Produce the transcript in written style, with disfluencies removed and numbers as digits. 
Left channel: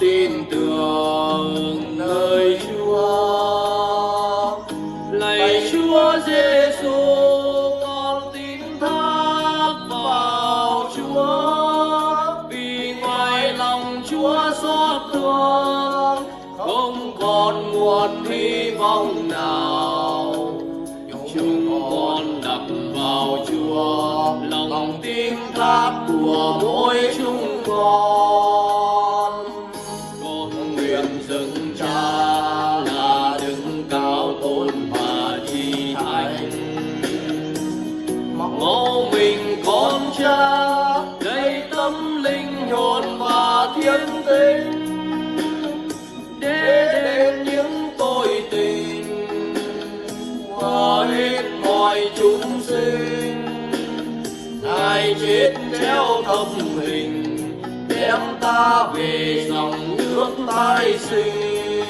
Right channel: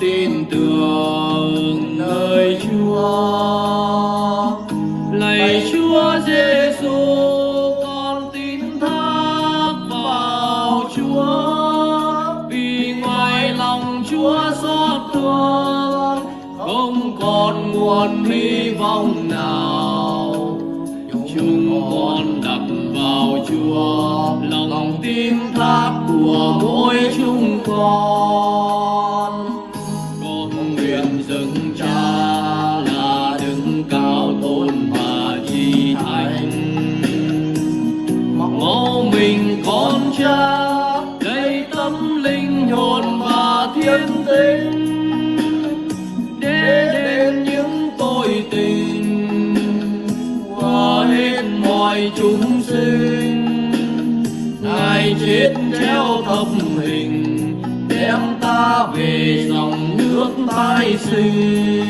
tin tưởng nơi Chúa. Lạy Chúa Giêsu, con tin thác vào Chúa, vì ngoài lòng Chúa xót thương, không còn nguồn hy vọng nào. Chúng con đặt vào Chúa lòng tin thác của mỗi chúng con. Con nguyện dâng Cha là đứng cao tôn và di thánh, mẫu mình con Cha đầy tâm linh hồn và thiên tính, để đến những tội tình của hết mọi chúng sinh. Ngài chết treo thập hình, đem ta về dòng nước tái sinh.